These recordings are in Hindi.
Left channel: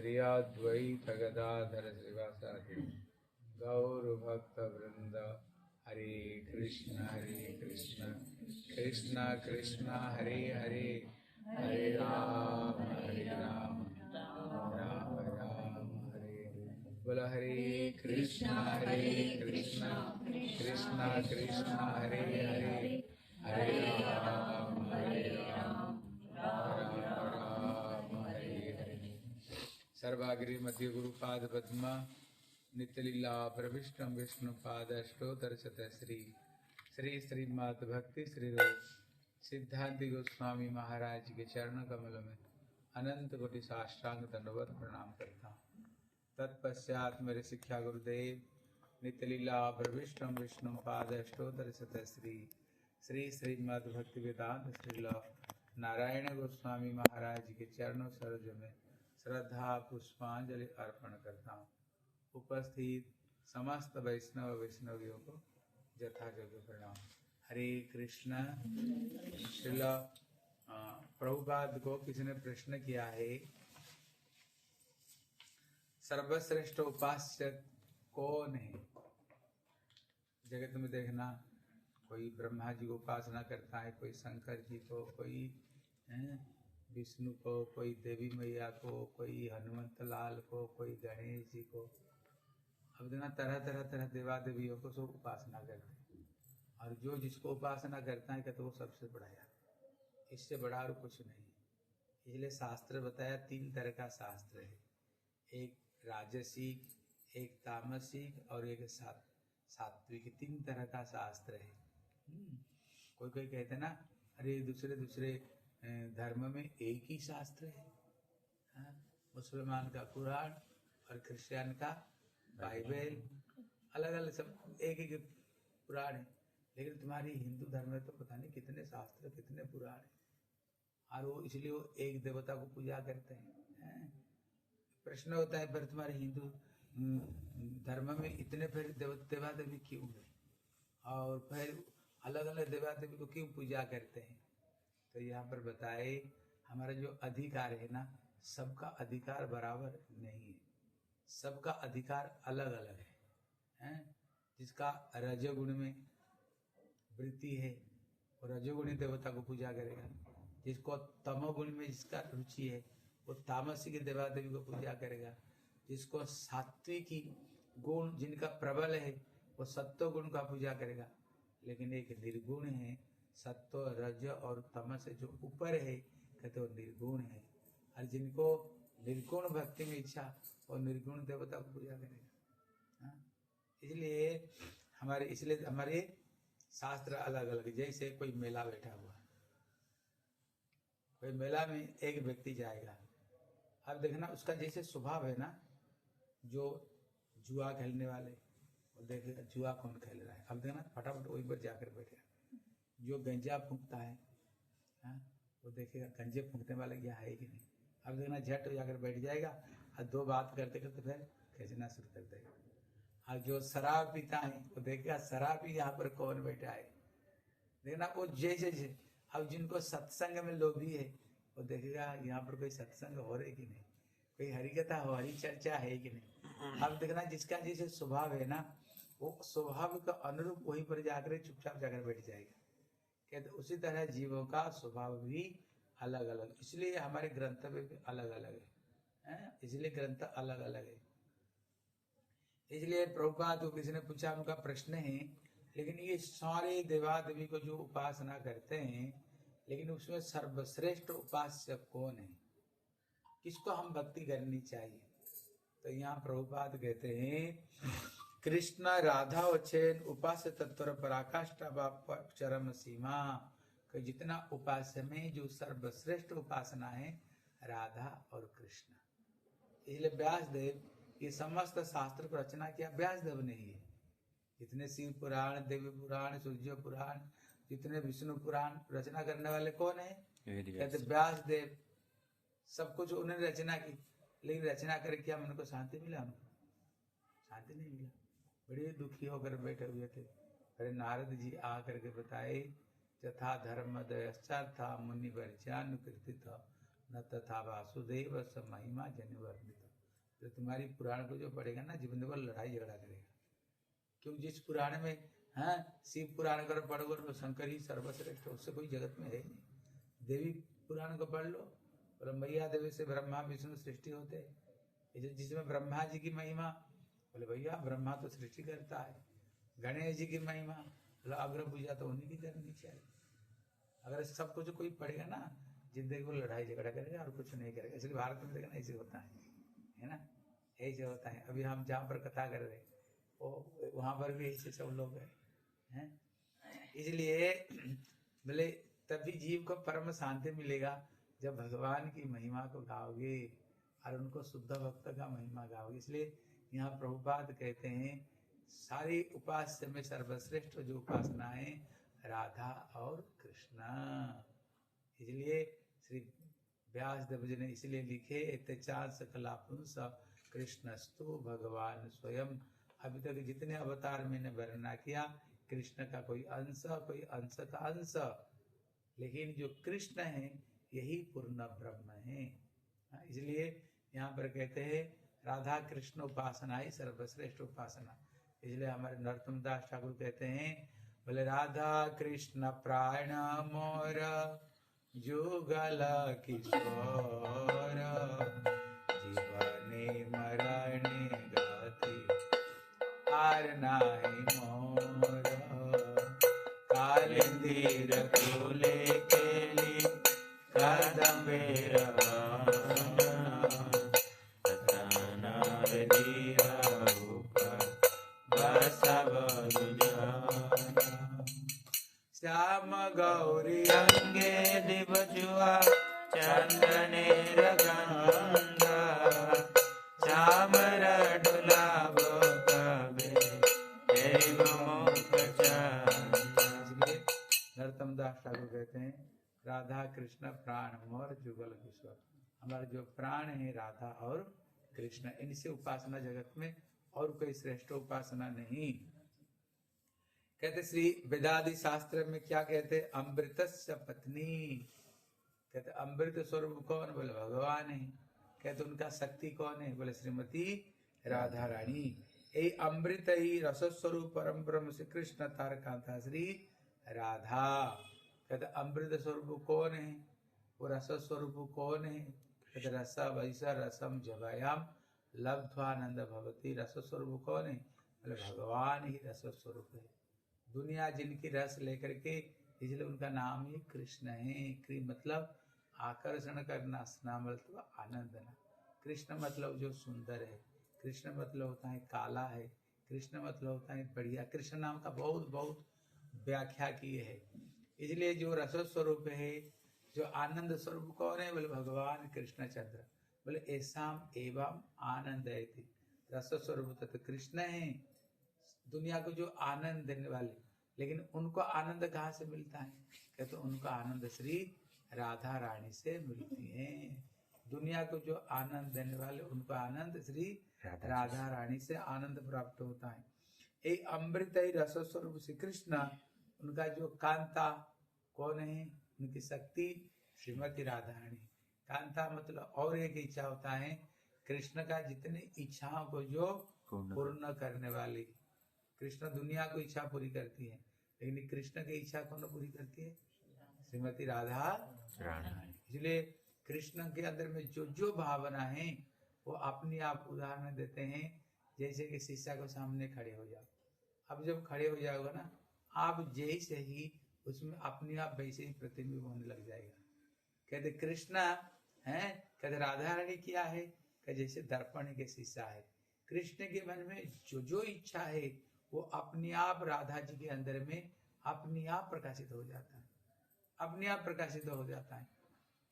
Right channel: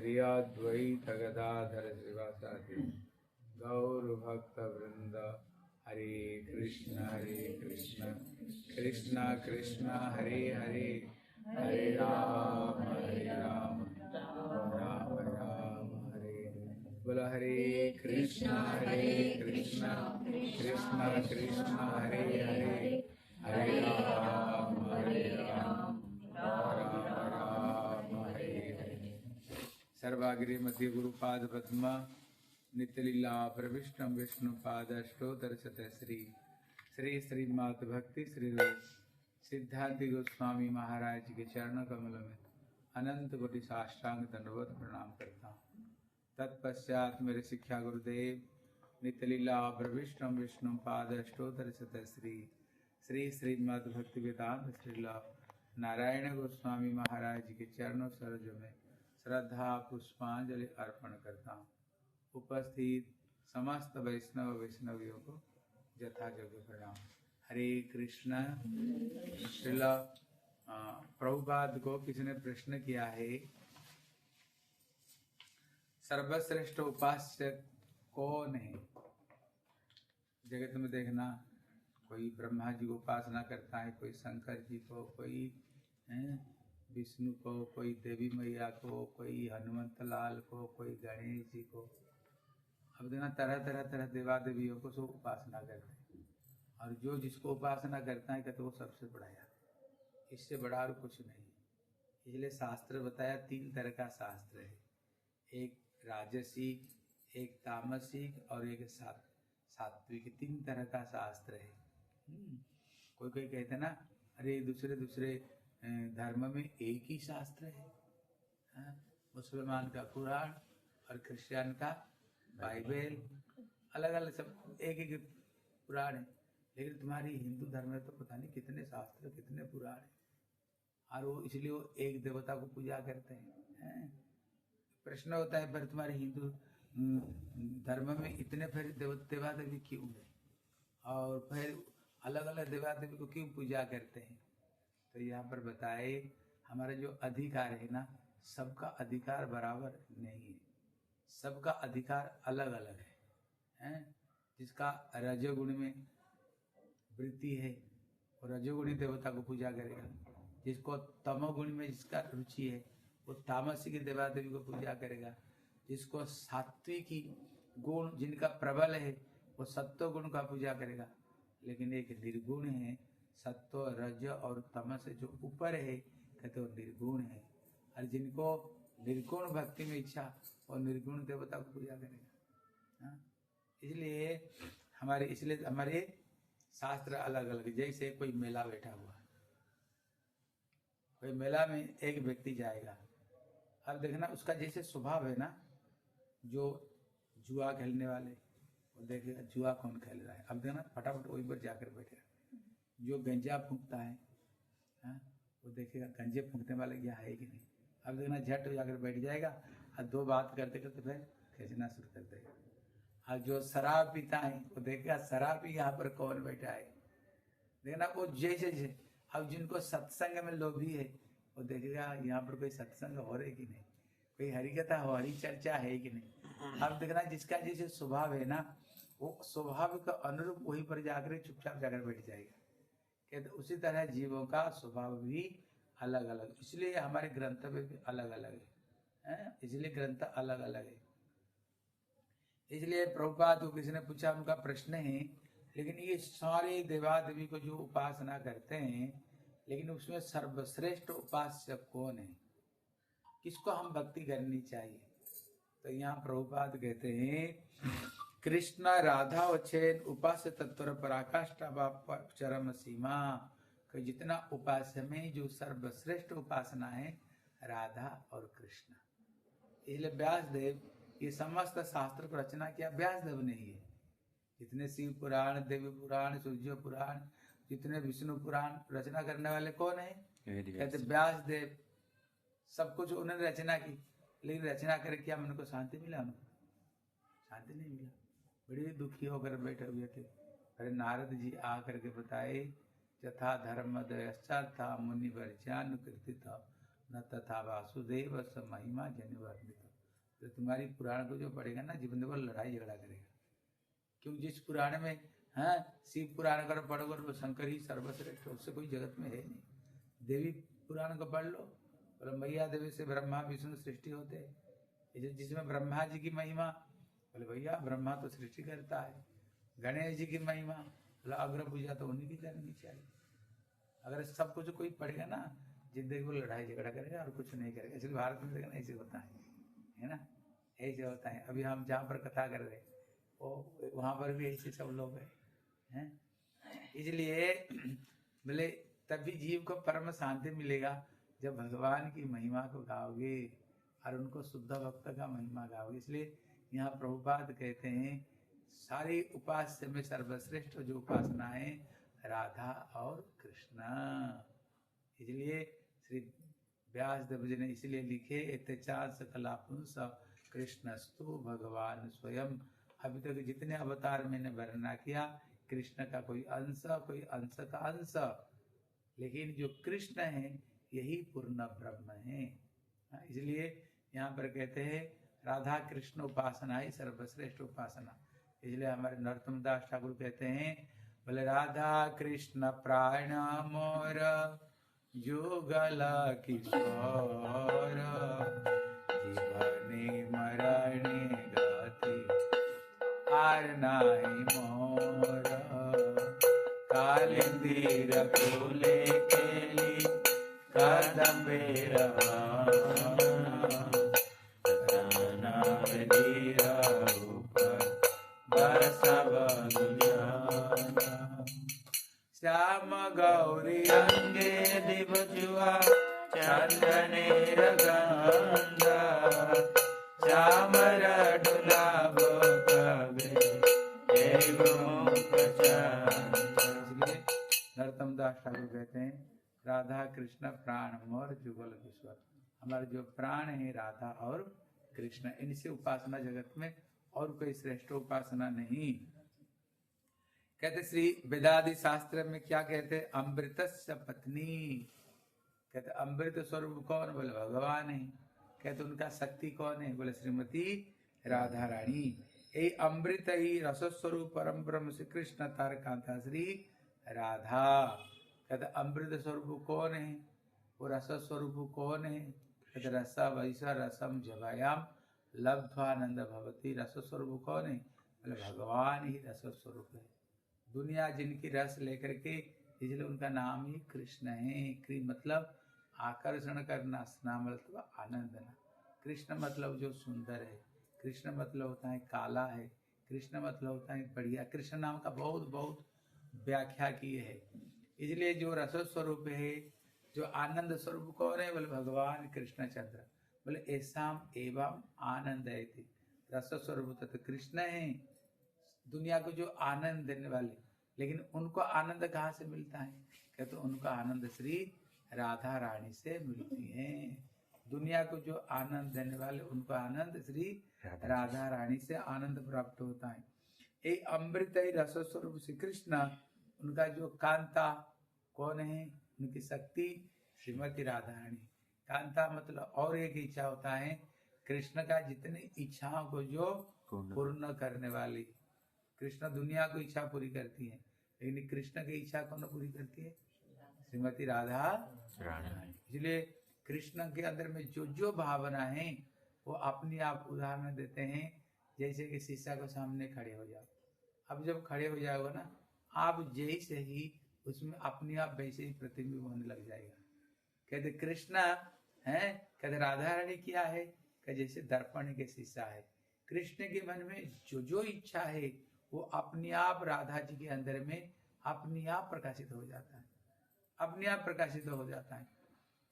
श्रीअद्वैत गदाधर श्रीवासादि गौर भक्त वृंद। हरे कृष्ण कृष्ण कृष्ण हरे हरे, हरे राम राम राम हरे। बोलो हरे कृष्ण कृष्ण कृष्ण हरे हरे, हरे राम राम राम हरे हरे। सर्वाग्रे मध्य गुरुपाद पद्मा नित्यलीला प्रविष्टम विष्णु पादष्टोत्तरशत श्री श्री श्रीमद् भक्ति श्री रूप सिद्धांत गोस्वामी महाराज के चरण कमल में अनंत कोटि साष्टांग दंडवत प्रणाम करता हूँ। तत्पश्चात मेरे शिक्षा गुरुदेव नित्यलीला प्रविष्टम विष्णु पादष्टोत्तरशत श्री श्री श्रीमद् भक्ति वेदांत श्रील नारायण गोस्वामी महाराज के चरणों सरोज में श्रद्धा पुष्पांजलि अर्पण करता हूँ। उपस्थित समस्त वैष्णव वैष्णवियों को यथायोग्य प्रणाम। हरे कृष्ण। श्रील प्रभुपाद को किसी ने प्रश्न किया है, सर्वश्रेष्ठ उपास्य कौन है? जगत में देखना, कोई ब्रह्मा जी को उपासना करता है, कोई शंकर जी को, कोई विष्णु को, कोई देवी मैया को, कोई हनुमंत लाल को, कोई गणेश जी को। अब देखना तरह तरह देवा देवियों को सब उपासना करते हैं, और जो जिसको उपासना करता है कहते वो सबसे बड़ा है, इससे बड़ा और कुछ नहीं। इसलिए शास्त्र बताया तीन तरह का शास्त्र है, एक राजसिक, एक तामसिक और एक सात्विक। तीन तरह का शास्त्र है। कोई कोई कहते ना, अरे दूसरे धर्म में एक ही शास्त्र है, मुसलमान का कुरान और क्रिश्चियन का बाइबल, अलग अलग सब एक एक पुराण है। लेकिन तुम्हारी हिंदू धर्म में तो पता नहीं कितने शास्त्र, कितने पुराण है, और वो इसलिए वो एक देवता को पूजा करते हैं। प्रश्न होता है, फिर तुम्हारे हिंदू धर्म में इतने फिर देवा देवी क्यों है, और फिर अलग अलग देवा देवी को क्यों पूजा करते हैं? तो यहाँ पर बताए, हमारा जो अधिकार है ना, सबका अधिकार बराबर नहीं है, सबका अधिकार अलग अलग है। जिसका रजोगुण में वृत्ति है वो रजोगुणी देवता को पूजा करेगा, जिसको तमोगुण में जिसका रुचि है वो तामसिक देवा देवी को पूजा करेगा, जिसको सात्विकी गुण जिनका प्रबल है वो सत्व गुण का पूजा करेगा। लेकिन एक निर्गुण है, सत्व रज और तमस जो ऊपर है कहते वो निर्गुण है, और जिनको निर्गुण भक्ति में इच्छा और निर्गुण देवता को पूजा करेगा। इसलिए हमारे शास्त्र अलग अलग। जैसे कोई मेला बैठा हुआ है, कोई मेला में एक व्यक्ति जाएगा, अब देखना उसका जैसे स्वभाव है ना, जो जुआ खेलने वाले वो देखेगा जुआ कौन खेल रहा है, अब देखना फटाफट वहीं पर जाकर बैठेगा। जो गंजा फूंकता है वो देखेगा गंजे फूंकने वाले यहाँ है कि नहीं, अब देखना झट जाकर बैठ जाएगा, और दो बात करते करते फिर खींचना शुरू कर देगा। और जो शराब पीता है वो देखेगा शराबी यहाँ पर कौन बैठा है, देखना वो जैसे। अब जिनको सत्संग में लोभी है वो देखेगा यहाँ पर कोई सत्संग हो रही कि नहीं, कोई हरिकथा हो, हरि चर्चा है कि नहीं। अब देखना जिसका जैसे स्वभाव है ना, वो स्वभाव का अनुरूप वहीं पर जाकर चुपचाप जाकर बैठ जाएगा। कहते उसी तरह जीवों का स्वभाव भी अलग अलग, इसलिए हमारे ग्रंथ में भी अलग अलग है, इसलिए ग्रंथ अलग अलग है। इसलिए प्रभुपाद को किसी ने पूछा, उनका प्रश्न है, लेकिन ये सारे देवा देवी को जो उपासना करते हैं, लेकिन उसमें सर्वश्रेष्ठ उपास्य कौन है, किसको हम भक्ति करनी चाहिए? तो यहाँ प्रभुपाद कहते हैं, कृष्ण राधा वचन उपास्य तत्पर पराकाष्ठा चरम सीमा। कि जितना उपास्य में जो सर्वश्रेष्ठ उपासना है राधा और कृष्ण। इसलिए व्यासदेव ये समस्त शास्त्र को रचना किया व्यासदेव ने ही है। जितने शिव पुराण, देवी पुराण, सूर्य पुराण, जितने विष्णु पुराण रचना करने वाले कौन है? कहते व्यासदेव। सब कुछ उन्होंने रचना की, लेकिन रचना करके क्या मन को शांति मिला? उनको शांति नहीं मिला, बड़े दुखी होकर बैठे हुए थे। फिर नारद जी आकर के बताए, यथा धर्म दयश्चार्था मुनि वर्ज्यानुकीर्तित न तथा वासुदेव स महिमा जन वर्णित। तो तुम्हारी पुराण को जो पढ़ेगा ना जीवन भर लड़ाई झगड़ा करेगा। क्यों? जिस पुराण में शिव पुराण कर पढ़ोगे तो शंकर ही सर्वश्रेष्ठ, उससे कोई जगत में है नहीं। देवी पुराण को पढ़ लो, ब्रह्मैया देवी से ब्रह्मा विष्णु सृष्टि होते हैं, जिसमें ब्रह्मा जी की महिमा, बोले भैया ब्रह्मा तो सृष्टि करता है। गणेश जी की महिमा, बोला अग्र पूजा तो उन्हीं की करनी चाहिए। अगर सब कुछ कोई पढ़ेगा ना जिंदगी को लड़ाई झगड़ा करेगा और कुछ नहीं करेगा। इसलिए भारत में देखना ऐसे होता है ना, ऐसे होता है। अभी हम जहाँ पर कथा कर रहे वो वहाँ पर भी ऐसे सब लोग हैं। इसलिए बोले तभी जीव को परम शांति मिलेगा जब भगवान की महिमा को गाओगे और उनको शुद्ध भक्त का महिमा गाओगे। इसलिए यहाँ प्रभुपाद कहते हैं सारी उपास्य में सर्वश्रेष्ठ जो उपासना है राधा और कृष्ण। इसलिए श्री व्यास देव जी ने इसलिए लिखे एतचार सकला पुंस कृष्णस्तु भगवान स्वयं। अभी तक जितने अवतार मैंने वर्णना किया कृष्ण का कोई अंश का अंश, लेकिन जो कृष्ण है यही पूर्ण ब्रह्म है। इसलिए यहाँ पर कहते हैं राधा कृष्ण उपासना ही सर्वश्रेष्ठ उपासना। इसलिए हमारे नरोत्तम दास ठाकुर कहते हैं बोले राधा कृष्ण प्राण मोर युगल किशोर जीवने मरणे गति आर नाहि मोर कालिंदीर फूले केली कदम्बेर श्याम गौरी अंगे दिवजुआ चंदनेर गंध श्याम रडुला नरोत्तम दास ठाकुर कहते हैं राधा कृष्ण प्राण मोर जुगल किशोर। हमारे जो प्राण है राधा और कृष्ण, इनसे उपासना जगत में और कोई श्रेष्ठ उपासना नहीं। कहते श्री वेदादि शास्त्र में क्या कहते, अमृतस्य पत्नी। कहते अमृत स्वरूप कौन, बोले भगवान है। कहते उनका शक्ति कौन है, बोले श्रीमती राधा रानी। ये अमृत ही रस स्वरूप परम ब्रह्म श्री कृष्ण तारकांता श्री राधा। कहते अमृत स्वरूप कौन है, वो रस स्वरूप कौन है। कहते रस वैसा रसम जवायाम लब्ध्वानंद भवती। रस स्वरूप कौन है, बोले भगवान ही रस स्वरूप है। दुनिया जिनकी रस लेकर के, इसलिए उनका नाम ही कृष्ण है। कृ मतलब आकर्षण करना, स्ना मतलब आनंदना। कृष्ण मतलब जो सुंदर है, कृष्ण मतलब होता है काला है, कृष्ण मतलब होता है बढ़िया। कृष्ण नाम का बहुत बहुत व्याख्या की है। इसलिए जो रस स्वरूप है, जो आनंद स्वरूप कौन है, बोले भगवान कृष्ण चंद्र। बोले ऐसा एवं आनंद है। रस स्वरूप तो कृष्ण है, दुनिया को जो आनंद देने वाले। लेकिन उनको आनंद कहाँ से मिलता है, कहते तो उनका आनंद श्री राधा रानी से मिलती है। दुनिया को जो आनंद देने वाले, उनको आनंद श्री राधा रानी से आनंद प्राप्त होता है। एक अमृत ही रस स्वरूप श्री कृष्ण, उनका जो कांता कौन है, उनकी शक्ति श्रीमती राधा रानी। कांता मतलब और एक इच्छा होता है कृष्ण का, जितनी इच्छाओं को जो पूर्ण करने वाली। कृष्ण दुनिया को इच्छा पूरी करती है, लेकिन कृष्ण की इच्छा कौन पूरी करती है, श्रीमती राधा रानी। इसलिए कृष्ण के अंदर में जो जो भावना है वो अपनी आप उदाहरण देते हैं। जैसे कि शीशा को सामने खड़े हो जाओ, अब जब खड़े हो जाओगे ना आप, जैसे ही उसमें अपने आप वैसे ही प्रतिबिंब होने लग जाएगा। कहते कृष्ण है, कहते राधा रानी क्या है, कहते जैसे दर्पण के शीशा है। कृष्ण के मन में जो जो इच्छा है वो अपने आप राधा जी के अंदर में अपने आप प्रकाशित हो जाता है, अपने आप प्रकाशित हो जाता है।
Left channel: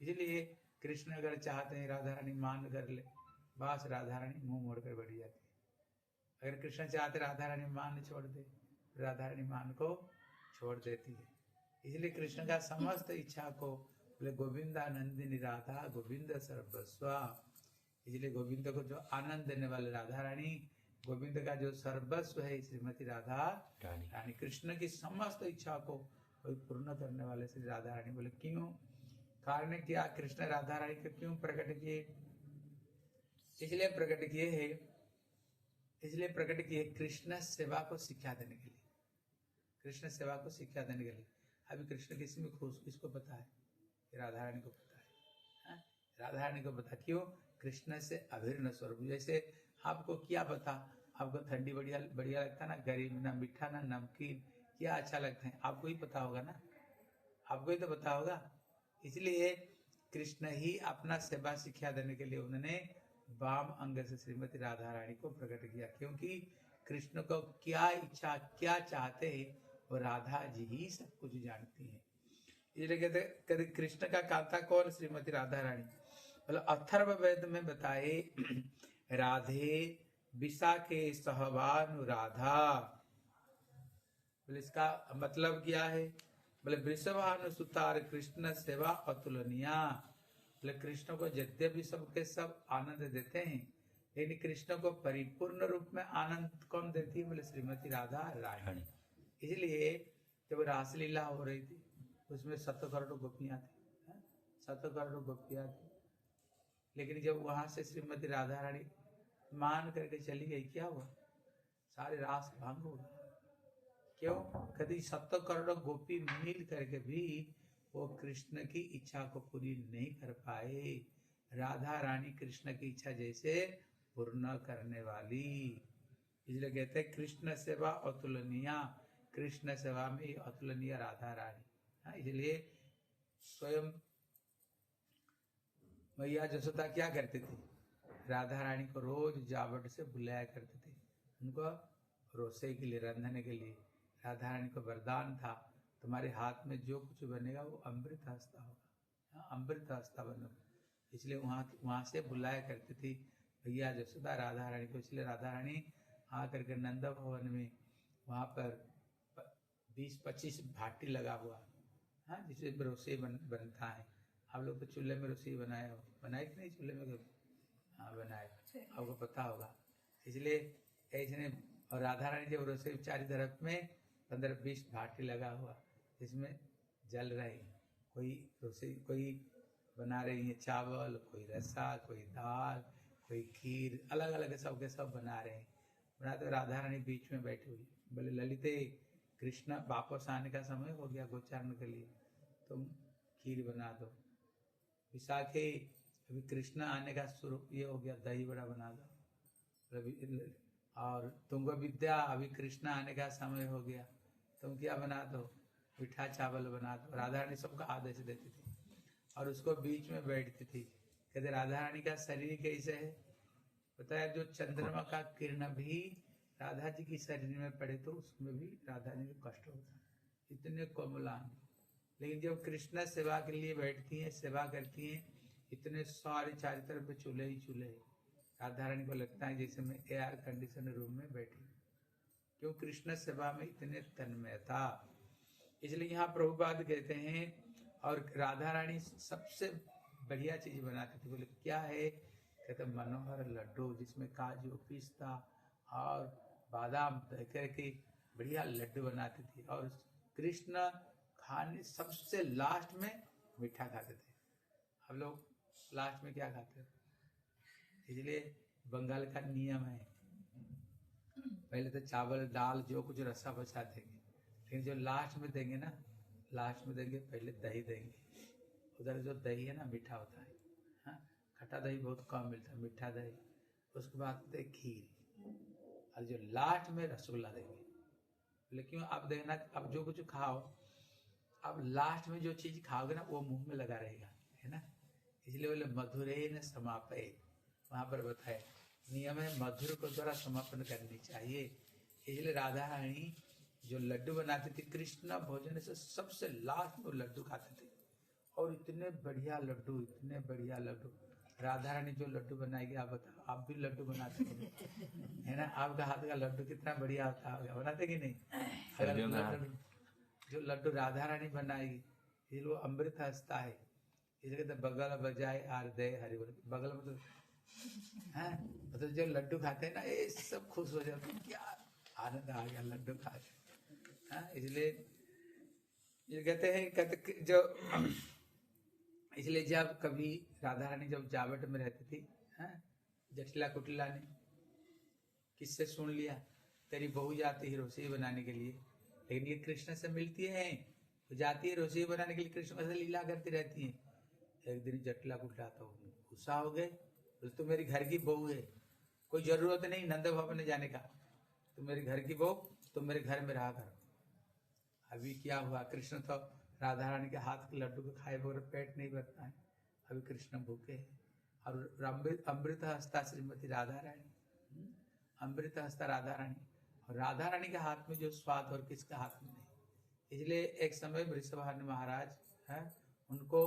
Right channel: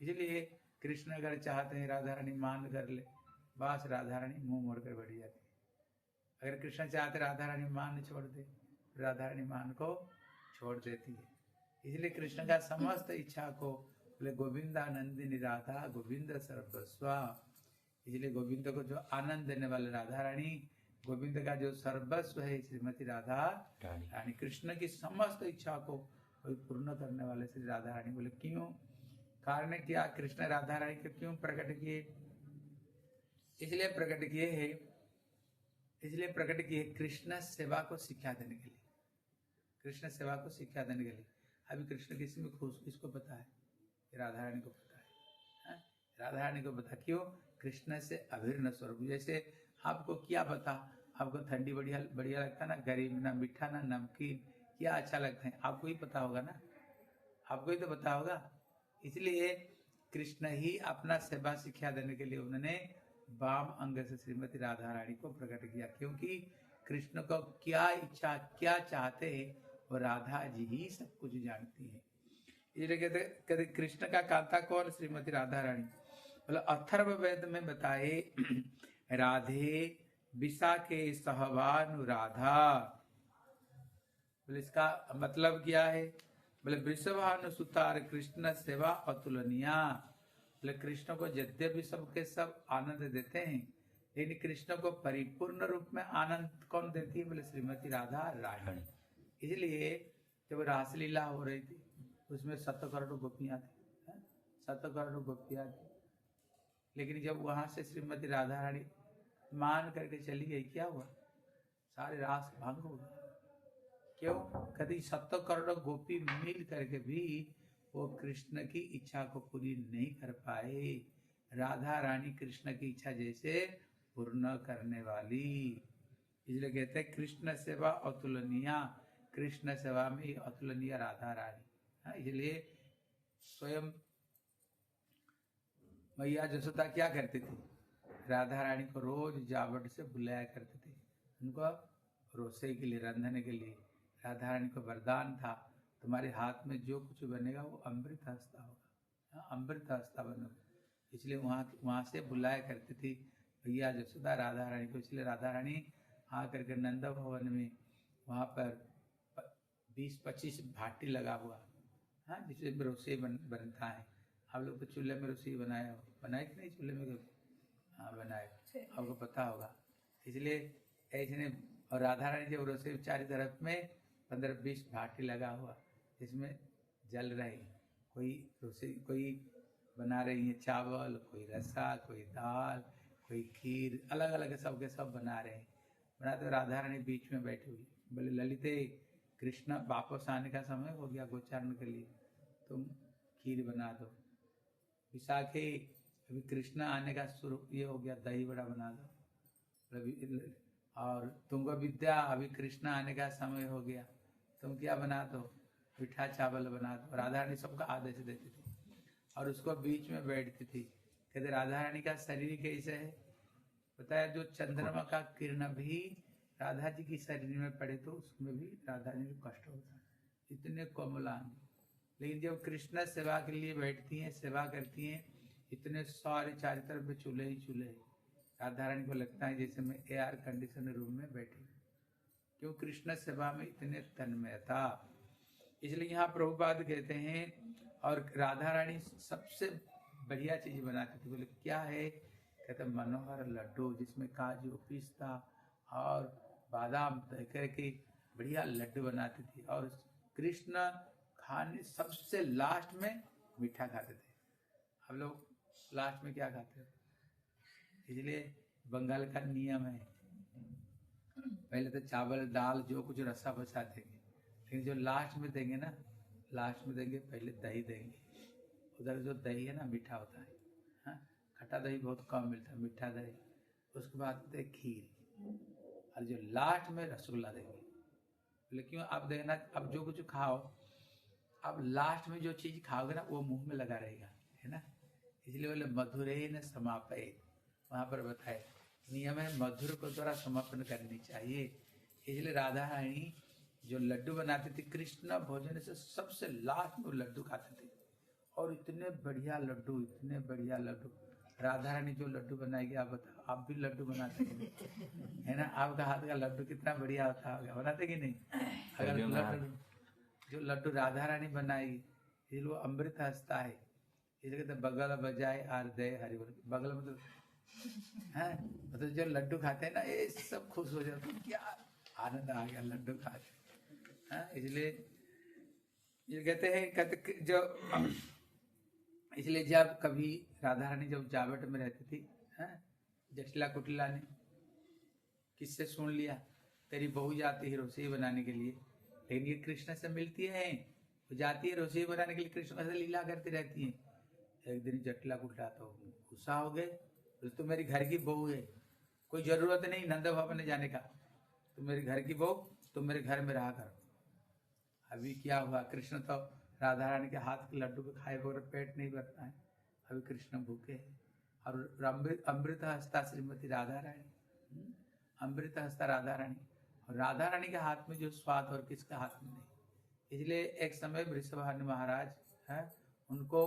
इसलिए कृष्ण अगर चाहते हैं राधा रानी मान कर ले, बस राधा रानी मुंह मोड़ कर बैठ जाती है। अगर कृष्ण चाहते राधा रानी मान छोड़ दे, राधा रानी मान को छोड़ देती है। इसलिए कृष्ण का समस्त इच्छा को बोले गोविंदानंदिनी राधा गोविंद सर्वस्वा। इसलिए गोविंद को जो आनंद देने वाले राधा रानी, गोविंद का जो सर्वस्व है श्रीमती राधा रानी। कृष्ण की समस्त इच्छा को पूर्ण करने वाले श्री राधा रानी। बोले क्यों, कारण क्या, कृष्ण राधा रानी को क्यों प्रकट किए, इसलिए प्रकट किए कृष्ण सेवा को शिक्षा देने के लिए, कृष्ण सेवा को शिक्षा देने के लिए। अभी कृष्ण किसी में खुश, किसको पता है? राधा रानी को पता है, राधा रानी को पता। क्यों? कृष्ण से अभिन्न स्वरूप। जैसे आपको क्या पता, आपको ठंडी बढ़िया बढ़िया लगता है ना, गरीब ना मीठा ना नमकीन, क्या अच्छा लगता है? आपको ही पता होगा ना, आपको ही तो पता होगा। इसलिए कृष्ण ही अपना सेवा शिक्षा देने के लिए उन्होंने वाम अंग से श्रीमती राधा रानी को प्रकट किया, क्योंकि कृष्ण को क्या इच्छा, क्या चाहते हैं, वो राधा जी ही सब कुछ जानती है। इसलिए कहते कृष्ण का कांता कौन? श्रीमती राधा रानी। मतलब अथर्व वेद में बताए राधे विशा के सहवानु राधा। बोले इसका मतलब क्या है? बोले वृषभानु सुतार कृष्ण सेवा अतुलनीया। बोले कृष्ण को यद्यपि सबके सब आनंद देते हैं, लेकिन कृष्ण को परिपूर्ण रूप में आनंद कौन देती है? बोले श्रीमती राधा रानी। इसलिए जब रासलीला हो रही थी उसमें 7 करोड़ गोपियां थी, 7 करोड़ गोपियां थी, लेकिन जब वहां से श्रीमती राधा रानी मान करके चली गई, क्या हुआ? सारे रास भंग हो गए। क्यों? कभी 7 करोड़ गोपी मिल करके भी वो कृष्ण की इच्छा को पूरी नहीं कर पाए। राधा रानी कृष्ण की इच्छा जैसे पूर्ण करने वाली, इसलिए कहते हैं कृष्ण सेवा अतुलनीय। कृष्ण सेवा में अतुलनीय राधा रानी। इसलिए स्वयं मैया जसोदा क्या करती थी? राधा रानी को रोज जावट से बुलाया करते थे, उनको रोसई के लिए, रंधने के लिए। राधा रानी को वरदान था, तुम्हारे हाथ में जो कुछ बनेगा वो अमृत हस्ता होगा, अमृत हस्ता बनो। इसलिए वहाँ से बुलाया करती थी भैया जसोदा राधा रानी को। इसलिए राधा रानी आ करके नंद भवन में वहाँ पर 20-25 भाटी लगा हुआ, जिसमें रोसई बनता है। आप लोग तो चूल्हे में रोसई बनाए हो, बनाए कि नहीं चूल्हे में? हाँ बनाए, आपको पता होगा। इसलिए ऐसे, और राधा रानी जब रोसई चारों तरफ में 15-20 भाटी लगा हुआ, इसमें जल रही, कोई रोसई, कोई बना रही है चावल, कोई रसा, कोई दाल, कोई खीर, अलग अलग सबके सब बना रहे हैं। बनाते राधा रानी बीच में बैठी हुई, बोले ललिते कृष्ण वापस आने का समय हो गया गोचारण के लिए, तुम खीर बना दो। विशाखे अभी कृष्ण आने का शुरू ये हो गया, दही बड़ा बना दो। और तुमको विद्या अभी कृष्ण आने का समय हो गया, तुम क्या बना दो? मीठा चावल बना दो। राधा रानी सबका आदेश देती थी और उसको बीच में बैठती थी। कहते राधा रानी का शरीर कैसे है? पता है, जो चंद्रमा का किरण भी राधा जी की शरीर में पड़े तो उसमें भी राधा जी को कष्ट होता है, इतने कोमलांग। लेकिन जब कृष्ण सेवा के लिए बैठती हैं, सेवा करती हैं, इतने सारे चारों तरफ चूल्हे ही चूल्हे। राधा रानी को लगता है जैसे मैं एयर कंडीशन रूम में बैठी, क्यों? कृष्ण सेवा में इतने तन्मयता। इसलिए यहाँ प्रभुपाद कहते हैं, और राधा रानी सबसे बढ़िया चीज बनाती थी। बोले क्या है? कहते मनोहर लड्डू, जिसमें काजू, पिस्ता और बादाम करके बढ़िया लड्डू बनाती थी। और कृष्ण खाने सबसे लास्ट में मीठा खाते थे। हम लोग लास्ट में क्या खाते हैं? इसलिए बंगाल का नियम है, पहले तो चावल दाल जो कुछ रसा बचा देंगे, लेकिन जो लास्ट में देंगे ना, लास्ट में देंगे पहले दही देंगे। उधर जो दही है ना मीठा होता है, हाँ, खट्टा दही बहुत कम मिलता है, मीठा दही। उसके बाद देते खीर, और जो लास्ट में रसगुल्ला देंगे। लेकिन आप देखना, अब जो कुछ खाओ, अब लास्ट में जो चीज खाओगे ना वो मुंह में लगा रहेगा, है ना। इसलिए बोले मधुरे न समापय, वहां पर बताए नियम है मधुर को द्वारा समापन करनी चाहिए। इसलिए राधा रानी जो लड्डू बनाते थे, कृष्ण भोजन से सबसे लास्ट में लड्डू खाते थे, और इतने बढ़िया लड्डू, इतने बढ़िया लड्डू। राधा रानी जो लड्डू बनाएगी, आप बताओ, आप भी लड्डू बनाते है ना? आपका हाथ का लड्डू कितना बढ़िया होता है, बनाते कि नहीं? अगर जो लड्डू राधा रानी बनाएगी, इसलिए वो अमृत हंसता है। इसलिए तो बगल बजाए आर दे हरि बोल, बगल मतलब है, मतलब जो लड्डू खाते हैं ना, ये सब खुश हो जाते हैं, क्या आनंद आ गया लड्डू खा के। इसलिए ये कहते हैं, जो इसलिए जब कभी राधा रानी जब जावट में रहती थी, जस्ट जटिला कुटिला ने किससे सुन लिया, तेरी बहू जाती है रसोई बनाने के लिए, लेकिन ये कृष्ण से मिलती है, वो जाती है रसोई बनाने के लिए, कृष्ण से लीला करती रहती है। एक दिन जटिला कुटिला तो गुस्सा हो गए, तो मेरी घर की बहू है, कोई जरूरत नहीं नंद भवन जाने का, तुम मेरे घर की बहू, तुम मेरे घर में रहा कर। अभी क्या हुआ, कृष्ण तो राधा रानी के हाथ के लड्डू को खाए बगैर पेट नहीं भरता है। अभी कृष्ण भूखे हैं और अमृत हस्ता श्रीमती राधा रानी, अमृत हस्ता राधा रानी, और राधा रानी के हाथ में जो स्वाद और किसका हाथ में नहीं। इसलिए एक समय वृषभानु महाराज है, उनको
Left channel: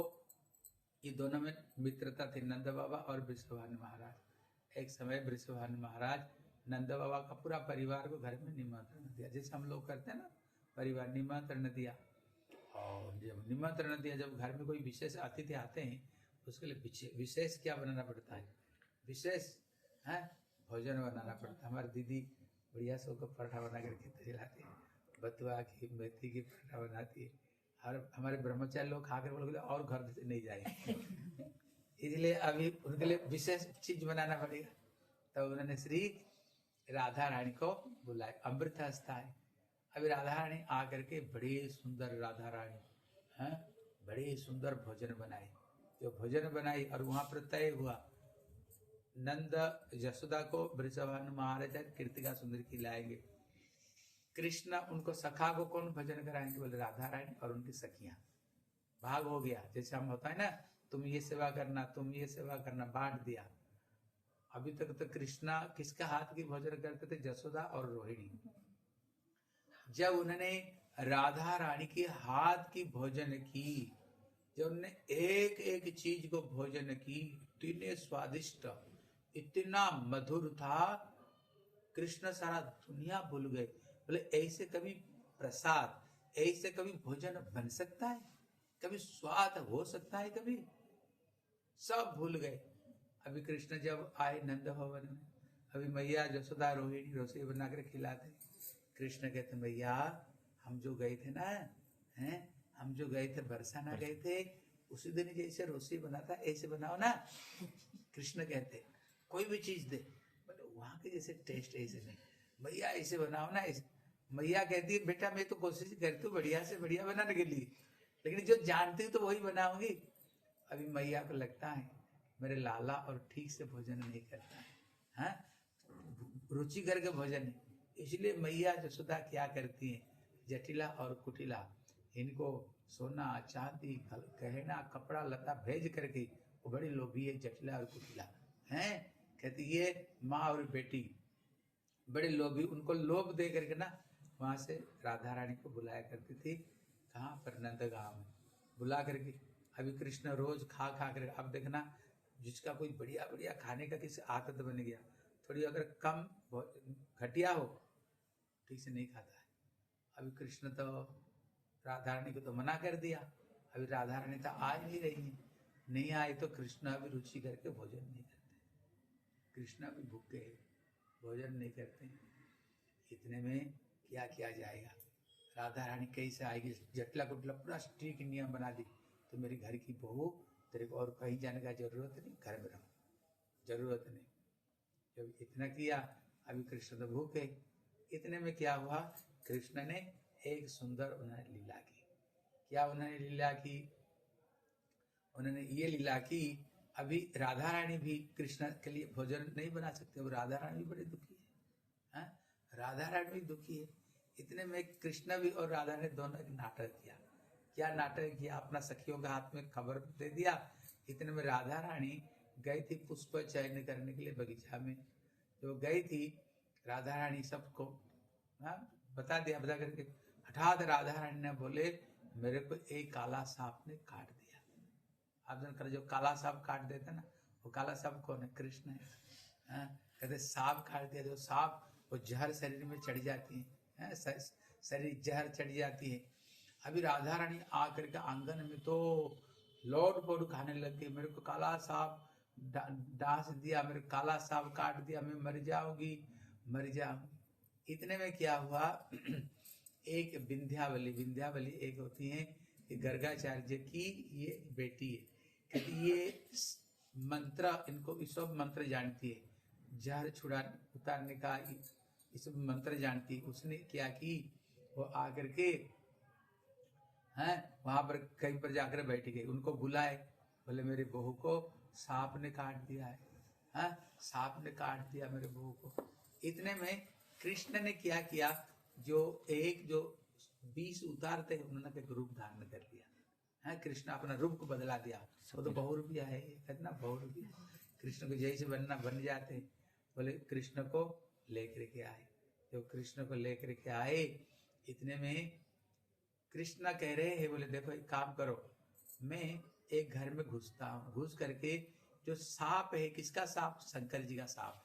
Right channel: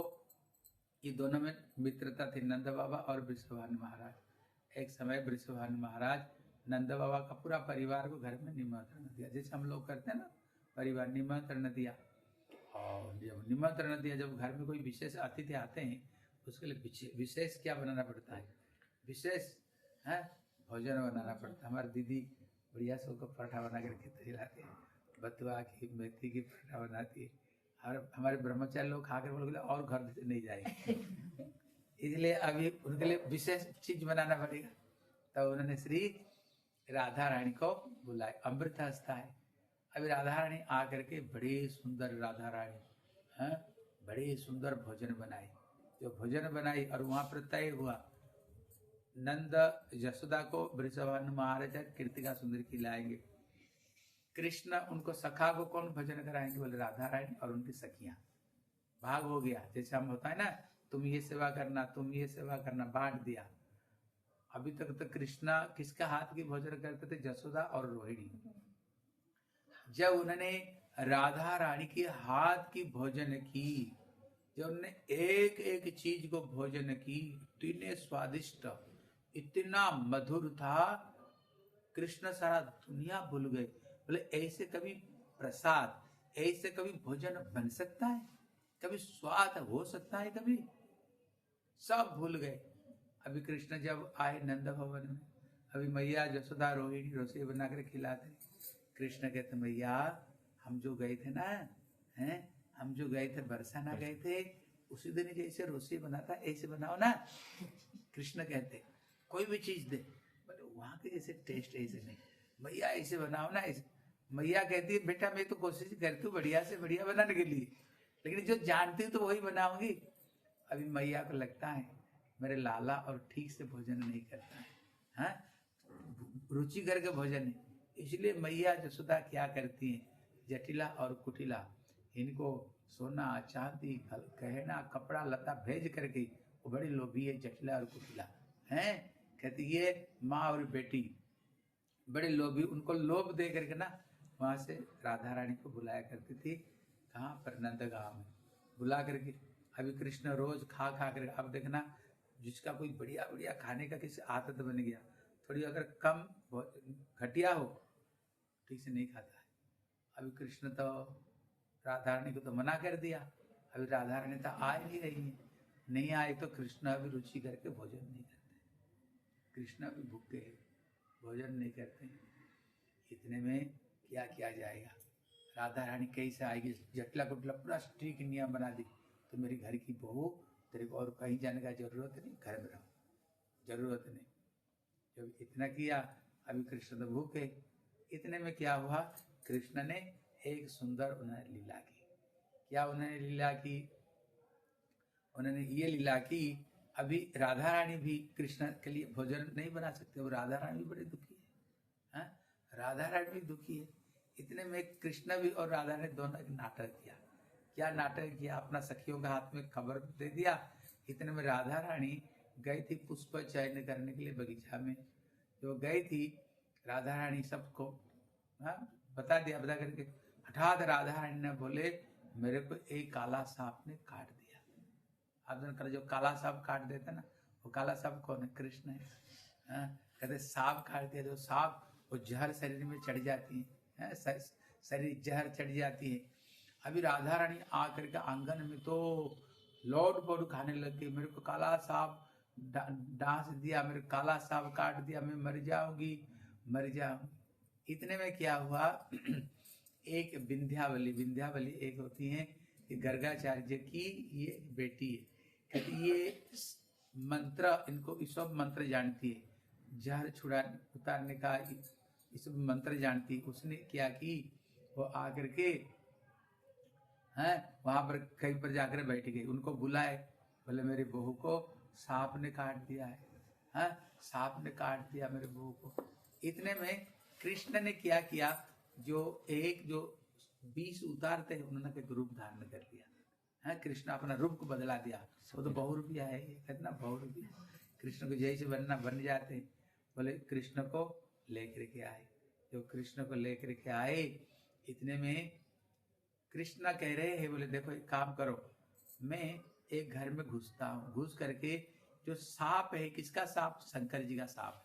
ये दोनों में मित्रता थी, नंद बाबा और वृषभानु महाराज। एक समय वृषभानु महाराज नंद बाबा का पूरा परिवार को घर में निमंत्रण दिया, जैसे हम लोग करते हैं ना, परिवार निमंत्रण दिया। और जब निमंत्रण दिया, जब घर में कोई विशेष अतिथि आते हैं उसके लिए विशेष क्या बनाना पड़ता है, विशेष है भोजन बनाना पड़ता है। हमारी दीदी बढ़िया से उसको पराठा बना करके खिलाती है, बथुआ की मेथी की पराठा बनाती है, और हमारे ब्रह्मचारी लोग खाकर बोले और घर नहीं जाएंगे इसलिए अभी उनके लिए विशेष चीज बनाना पड़ेगा। तब उन्होंने श्री राधा रानी को बुलाया, अमृत हस्ता है। अभी राधा रानी आकर के बड़े सुंदर राधा रानी हैं, बड़े सुंदर भोजन बनाए। जो भोजन बनाई और वहां पर तय हुआ, नंद यशोदा को वृषभानु महाराज कृतिका सुंदर खिलाएंगे, कृष्ण उनको सखा को कौन भोजन कराएंगे, बोले राधा रानी और उनकी सखियां। भाग हो गया, जैसे हम होता है ना, तुम ये सेवा करना, तुम ये सेवा करना, बांट दिया। अभी तक तो कृष्णा किसका हाथ की भोजन करते थे, यशोदा और रोहिणी। जब उन्होंने राधा रानी के हाथ की भोजन की, जब उन्होंने एक एक चीज को भोजन की, इतने स्वादिष्ट, इतना मधुर था, कृष्ण सारा दुनिया भूल गए। बोले ऐसे कभी प्रसाद, ऐसे कभी भोजन बन सकता है, कभी स्वाद हो सकता है, कभी सब भूल गए। अभी कृष्ण जब आए नंद भवन में, अभी मैया यशोदा रोहिणी रसोई बनाकर खिलाते। कृष्ण कहते मैया हम जो गए थे ना, हैं हम जो गए थे बरसाना गए थे, उसी दिन जैसे रसोई बनाता ऐसे बनाओ ना। कृष्ण कहते कोई भी चीज दे, वहां के जैसे टेस्ट ऐसे नहीं, मैया ऐसे बनाओ ना ऐसे। मैया कहती है बेटा मैं तो कोशिश करती हूँ बढ़िया से बढ़िया बनाने के लिए, लेकिन जो जानती हूँ तो वही बनाऊंगी। अभी मैया को लगता है मेरे लाला और ठीक से भोजन नहीं करता है, हाँ रुचि करके भोजन, इसलिए मैया यशोदा क्या करती है, जटिला और कुटिला इनको सोना चांदी गहना कपड़ा लता भेज करके, वो बड़ी लोभी है जटिला और कुटिला हैं। कहती ये माँ और बेटी बड़े लोभी, उनको लोभ दे करके ना वहां से राधा रानी को बुलाया करती थी। कहाँ पर, नंदगांव में बुला करके। अभी कृष्ण रोज खा खा कर, अब देखना जिसका कोई बढ़िया बढ़िया खाने का किसी आदत बन गया, थोड़ी अगर कम घटिया हो ठीक से नहीं खाता है। अभी कृष्ण तो राधा रानी को तो मना कर दिया, अभी राधा रानी तो आ नहीं रही है, नहीं आए तो कृष्ण अभी रुचि करके भोजन नहीं करते, कृष्ण अभी भूखे भोजन नहीं करते। इतने में क्या किया जाएगा, राधा रानी कैसे आएगी, जटला कुटला पूरा स्ट्रिक्ट नियम बना दी, तो मेरी घर की बहू तेरे को और कहीं जाने का जरूरत नहीं, घर में रहो, जरूरत नहीं। जब इतना किया, अभी कृष्ण तो भूखे। इतने में क्या हुआ, कृष्ण ने एक सुंदर उन्होंने लीला की। क्या उन्होंने लीला की, उन्होंने ये लीला की, अभी राधा रानी भी कृष्ण के लिए भोजन नहीं बना सकते, वो राधा रानी भी बड़ी दुखी है, राधा रानी भी दुखी है। इतने में कृष्ण भी और राधा ने दोनों एक नाटक किया। क्या नाटक किया, अपना सखियों के हाथ में खबर दे दिया। इतने में राधा रानी गई थी पुष्प चयन करने के लिए बगीचा में, जो गई थी राधा रानी सबको बता करके, हठात राधा रानी ने बोले मेरे को एक काला सांप ने काट दिया। आप जो काला सांप काट देता ना, वो काला सांप कौन है, कृष्ण है। कहते सांप काट दिया, जो सांप वो जहर शरीर में चढ़ जाती है, शरीर जहर चढ़ जाती है। अभी राधा रानी आकर के आंगन में तो लौट पोट खाने लग गई, मेरे को काला सांप डांस दिया, मेरे काला सांप काट दिया, मैं मर जाऊंगी मर जाऊंगी। इतने में क्या हुआ, एक विंध्यावली एक होती है कि गर्गाचार्य की ये बेटी है, कहती ये मंत्र, इनको सब मंत्र जानती है, जहर छुड़ा उतारने का इस मंत्र जानती, उसने क्या की, वो आकर के हैं वहां पर कहीं पर जाकर बैठ गई, उनको बुलाए, बोले मेरी बहू को सांप ने काट दिया है, हैं सांप ने काट दिया मेरे बहू को। इतने में कृष्ण ने क्या किया, जो 20 उतारते हैं उन्होंने एक रूप धारण कर लिया है। कृष्ण अपना रूप को बदला दिया, वो तो बहुरूपिया है, कितना बहुरूपिया, कृष्ण को जैसे बनना बन जाते। बोले कृष्ण को लेकर के आए, जो कृष्ण को लेकर के आए, इतने में कृष्ण कह रहे हैं, बोले देखो एक काम करो, मैं एक घर में घुसता हूँ, घुस करके जो सांप है, किसका सांप, शंकर जी का सांप,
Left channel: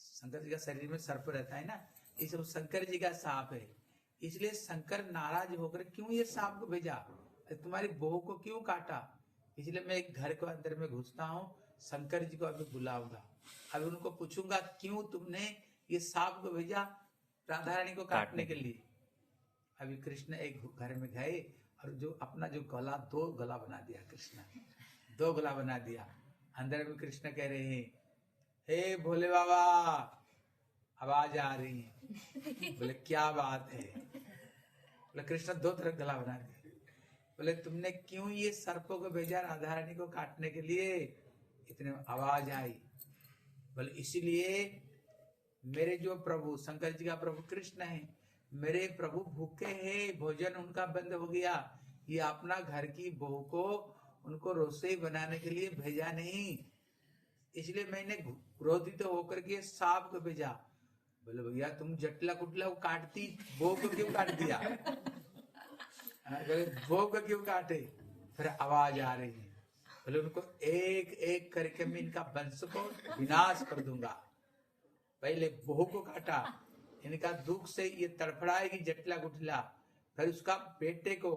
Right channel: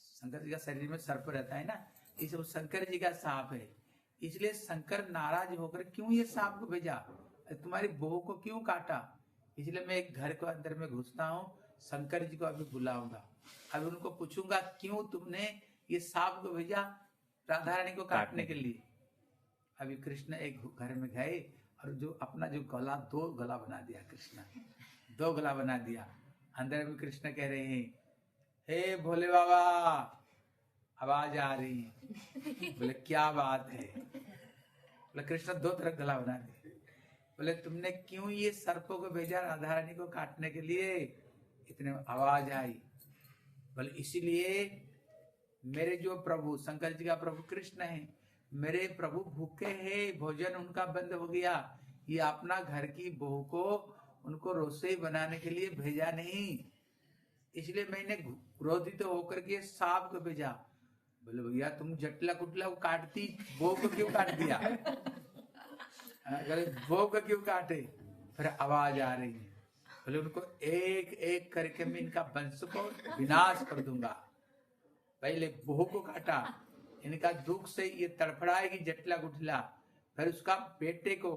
शंकर जी का शरीर में सर्प रहता है ना, इस शंकर जी का सांप है, इसलिए शंकर नाराज होकर क्यों ये सांप को भेजा, तुम्हारी बहू को क्यों काटा, इसलिए मैं एक घर के अंदर में घुसता हूँ, शंकर जी को अभी बुलाऊंगा, अभी उनको पूछूंगा क्यों तुमने ये सांप को भेजा राधा रानी को काटने के लिए। अभी कृष्ण एक घर में गए और जो अपना जो गला, 2 गला बना दिया कृष्ण, 2 गला बना दिया। अंदर में कृष्ण कह रहे हैं, हे भोले बाबा, आवाज आ रही है। बोले क्या बात है, बोले कृष्ण 2 तरफ गला बना दिया। बोले तुमने क्यों ये सर्पों को भेजा राधा रानी को काटने के लिए, इतने आवाज आई। बोले इसीलिए मेरे जो प्रभु, शंकर जी का प्रभु कृष्ण है, मेरे प्रभु भूखे हैं, भोजन उनका बंद हो गया, ये अपना घर की बहू को उनको रसोई बनाने के लिए भेजा नहीं, इसलिए मैंने क्रोधित होकर के सांप को भेजा। बोले भैया तुम जटला कुटला को काटती, बहू को क्यों काट दिया, बहू को क्यों काटे। फिर आवाज आ रही है, बोले उनको एक एक करके मैं इनका वंश को विनाश कर दूंगा। पहले बहू को काटा, इनका दुख से ये तड़फड़ाएगी जटला गुटला, फिर उसका बेटे को,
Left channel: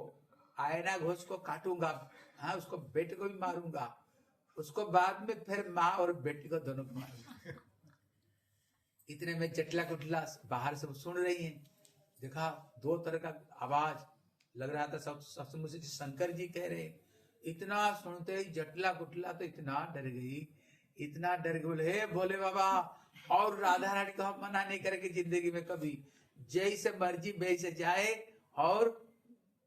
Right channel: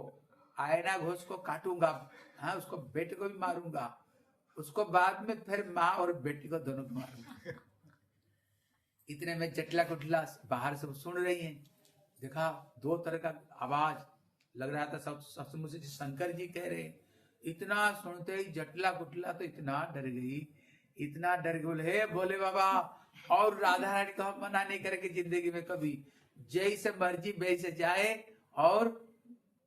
आयना घोष को काटूंगा, हाँ उसको बेटे को भी मारूंगा, उसको बाद में फिर माँ और बेटी को दोनों को मारूंगा। इतने में जटला गुटला बाहर से सुन रही हैं, देखा 2 तरह का आवाज लग रहा था, सबसे मुझे शंकर जी कह रहे। इतना सुनते ही जटला गुटला तो इतना डर गई, इतना डर गई, बोले हे भोले बाबा, और राधा रानी को हम मना नहीं करेंगे जिंदगी में कभी, जैसे मर्जी वैसे जाए और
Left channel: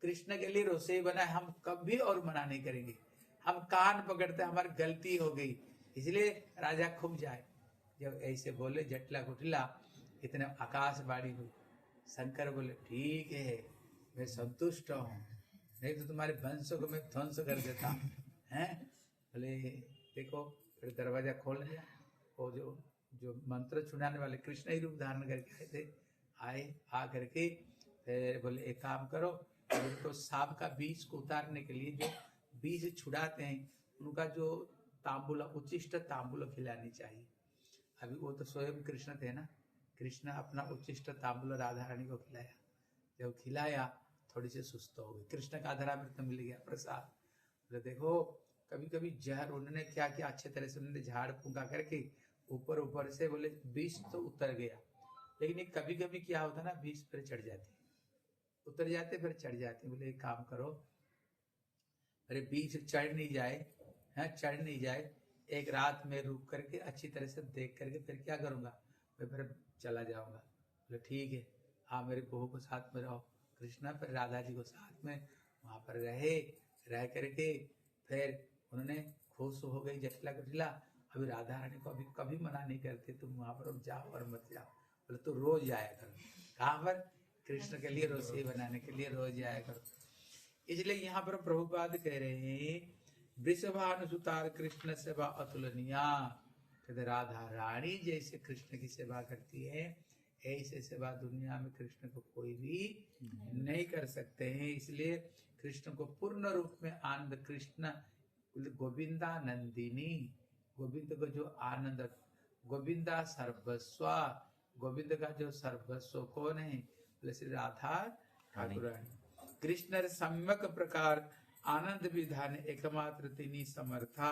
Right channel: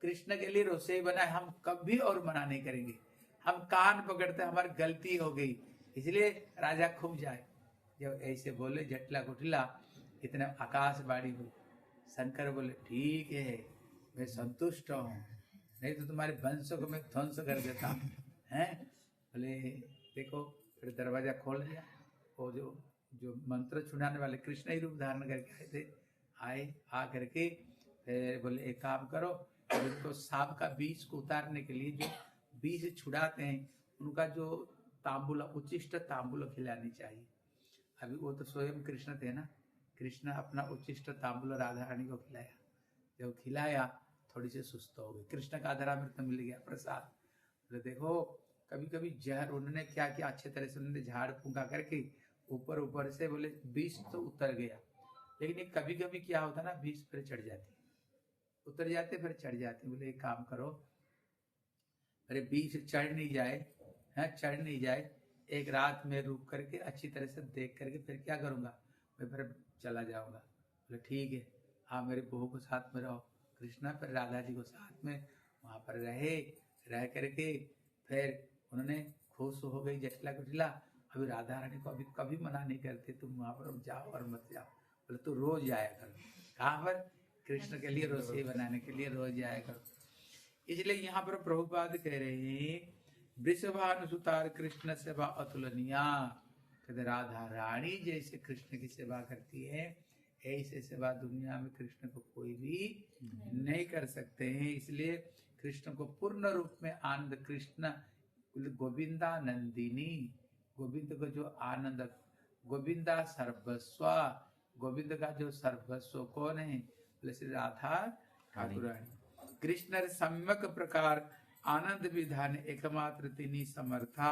कृष्ण के लिए रसोई बनाए, हम कभी और मना नहीं करेंगे, हम कान पकड़ते हमारी गलती हो गई, इसलिए राजा खूब जाए। जब ऐसे बोले जटला गुटला, इतने आकाशवाणी हुई, शंकर बोले ठीक है मैं संतुष्ट हूँ, नहीं तो तुम्हारे वंश को मैं ध्वंस कर देता हैं। बोले देखो, फिर दरवाजा खोल दिया, वो जो मंत्र छुड़ाने वाले कृष्ण ही रूप धारण करके आए आ करके फिर बोले एक काम करो, उनको सांप का बीज को उतारने के लिए जो बीज छुड़ाते हैं उनका जो तांबूल, उच्चिष्ट तांबूल खिलानी चाहिए। अभी वो तो स्वयं कृष्ण थे ना, कृष्ण अपना उच्चिष्ट तांबूल राधा रानी को खिलाया, जब खिलाया थोड़ी सी सुस्त हो गई, कृष्ण का अधरामृत मिल गया प्रसाद। तो देखो कभी कभी जहर उन्होंने क्या किया, अच्छे तरह से उन्होंने झाड़ फूंका करके ऊपर से बोले बीज तो उतर गया, लेकिन कभी कभी क्या होता ना, बीज पर चढ़ जाते, उतर जाते फिर चढ़ जाते। बोले एक काम करो, अरे बीज चढ़ नहीं जाए, है चढ़ नहीं जाए, एक रात में रुक करके अच्छी तरह से देख करके फिर क्या करूंगा, मैं फिर चला जाऊंगा। बोले ठीक है, आप मेरे बहू को साथ में रहो। कृष्णा फिर राधा जी को साथ में वहां पर रह करके फिर उन्होंने खुश हो गई जटला कुटला। अभी राधा रानी को अभी कभी मना नहीं करते, तुम वहां पर जाओ और मत जाओ। बोले तो रोज जाया करो, कहाँ पर, कृष्ण के लिए रसोई बनाने के लिए रोज जाया करो। इसलिए यहाँ पर प्रभुपाद कह रहे हैं, वृषभानुसुतार कृष्ण सेवा अतुलनीया, कहते राधा रानी जैसे कृष्ण की सेवा करती है, ऐसे सेवा दुनिया में कृष्ण को कोई भी नहीं कर सकते हैं। इसलिए कृष्ण को पूर्ण रूप में आनंद, कृष्ण गोविंदा नंदिनी, गोविंद को जो आनंद, गोविंदा सर्वस्व, गोविंद का जो सर्वस्व कौन है, बोले श्री राधा ठाकुर। कृष्ण सम्यक प्रकार आनंद विधान एकमात्र तिनी समर्था,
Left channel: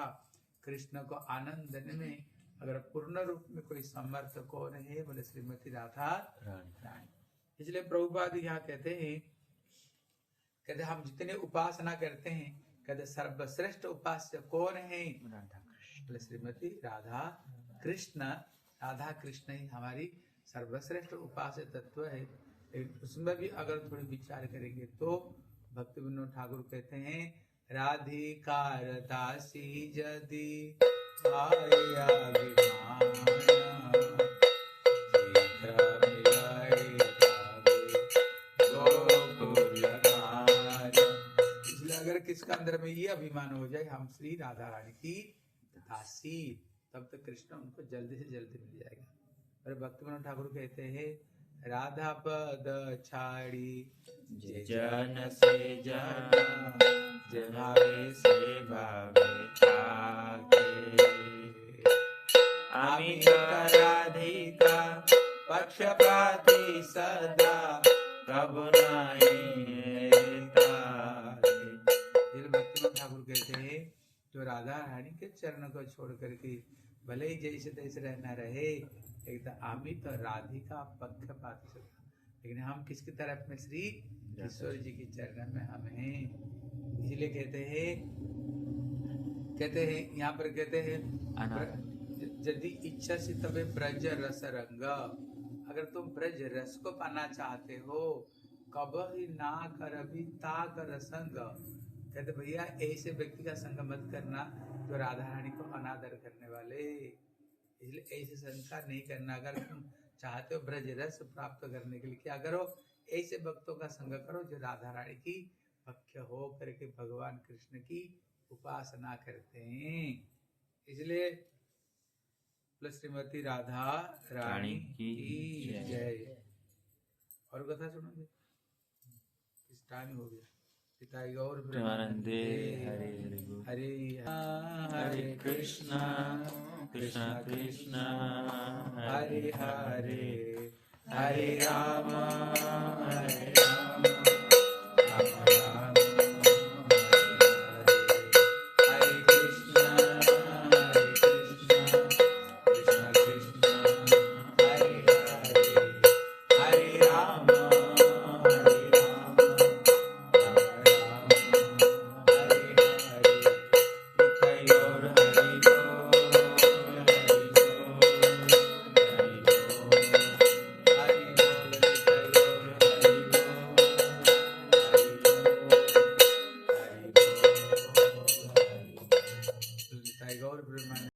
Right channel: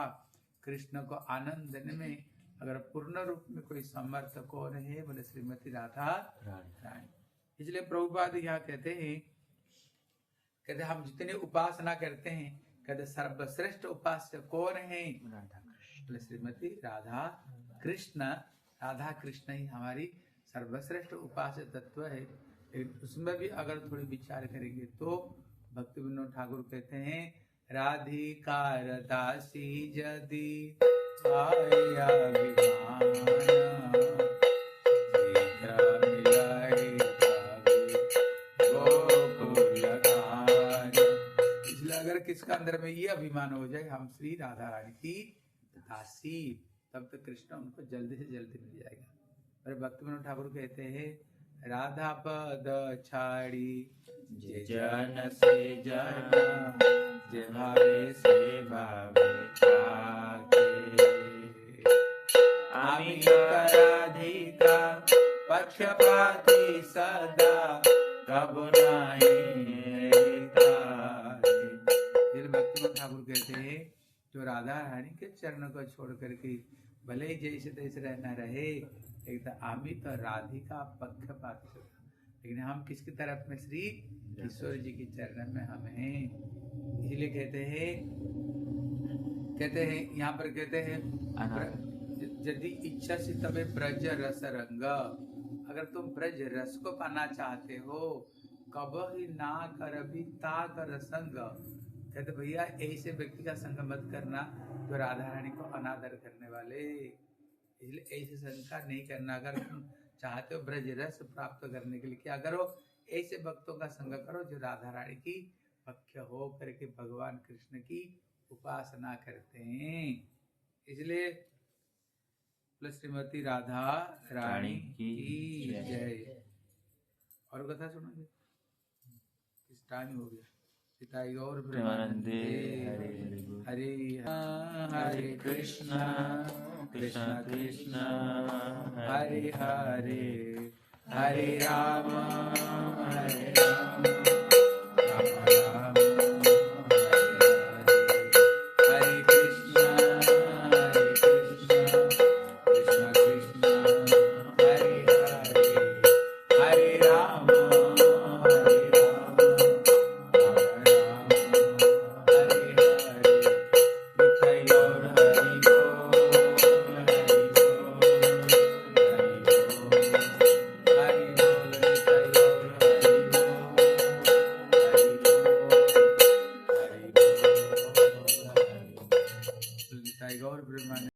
कृष्ण को आनंद देने में अगर पूर्ण रूप में कोई समर्थ कौन है, बोले श्रीमती राधा रानी। इसलिए प्रभुपाद यहाँ कहते हम जितने उपासना करते हैं, कहते सर्वश्रेष्ठ उपास्य कौन है, बोले श्रीमती राधा कृष्ण। राधा कृष्ण ही हमारी सर्वश्रेष्ठ उपास्य तत्व है। उसमें भी अगर थोड़ी विचार करेंगे तो भक्ति विनोद ठाकुर कहते हैं राधिकार दासी जदि आया विमान इसलिए अगर किसका अंदर में ये अभिमान हो जाए हम श्री राधा रानी की दासी, तब तो कृष्ण उनको जल्दी से जल्दी मिल जाएगा। और भक्ति विनोद ठाकुर कहते हैं राधा पद छाड़ी जे जन से जाना जे भावे से भावे आगे आमी राधिका पक्षपाती सदा कब नहीं। भक्ति ठाकुर कहते हैं जो राधा रानी के चरण को छोड़ करके भले ही जैसे तैसे रहना रहे, एक तो आमी तो राधिका पक्षपात, लेकिन हम किसकी तरफ में? श्री ईश्वर जी के चरण में हम हैं। इसलिए कहते हैं यहाँ पर कहते हैं यदि इच्छा से तबे ब्रज रस रंग, अगर तुम ब्रज रस को पाना चाहते हो कब ही ना कर भी ता कर संग। कहते भैया ऐसे व्यक्ति का संग मत करना जो राधा रानी को अनादर करने वाले, इसलिए ऐसे संस्कार नहीं करना। अगर तुम चाहते हो ब्रज रस प्राप्त करने के लिए क्या करो? ऐसे भक्तों का संग करो जो राधा रानी की भक्त हो करके भगवान कृष्ण की उपासना करते हैं। इसलिए श्रीमती राधा रानी की जय। और कथा सुनोगे? किस टाइम हो गया? पिताई गौर ब्रह्मानंदे हरे हरे कृष्णा कृष्णा कृष्णा हरे हरे हरे राम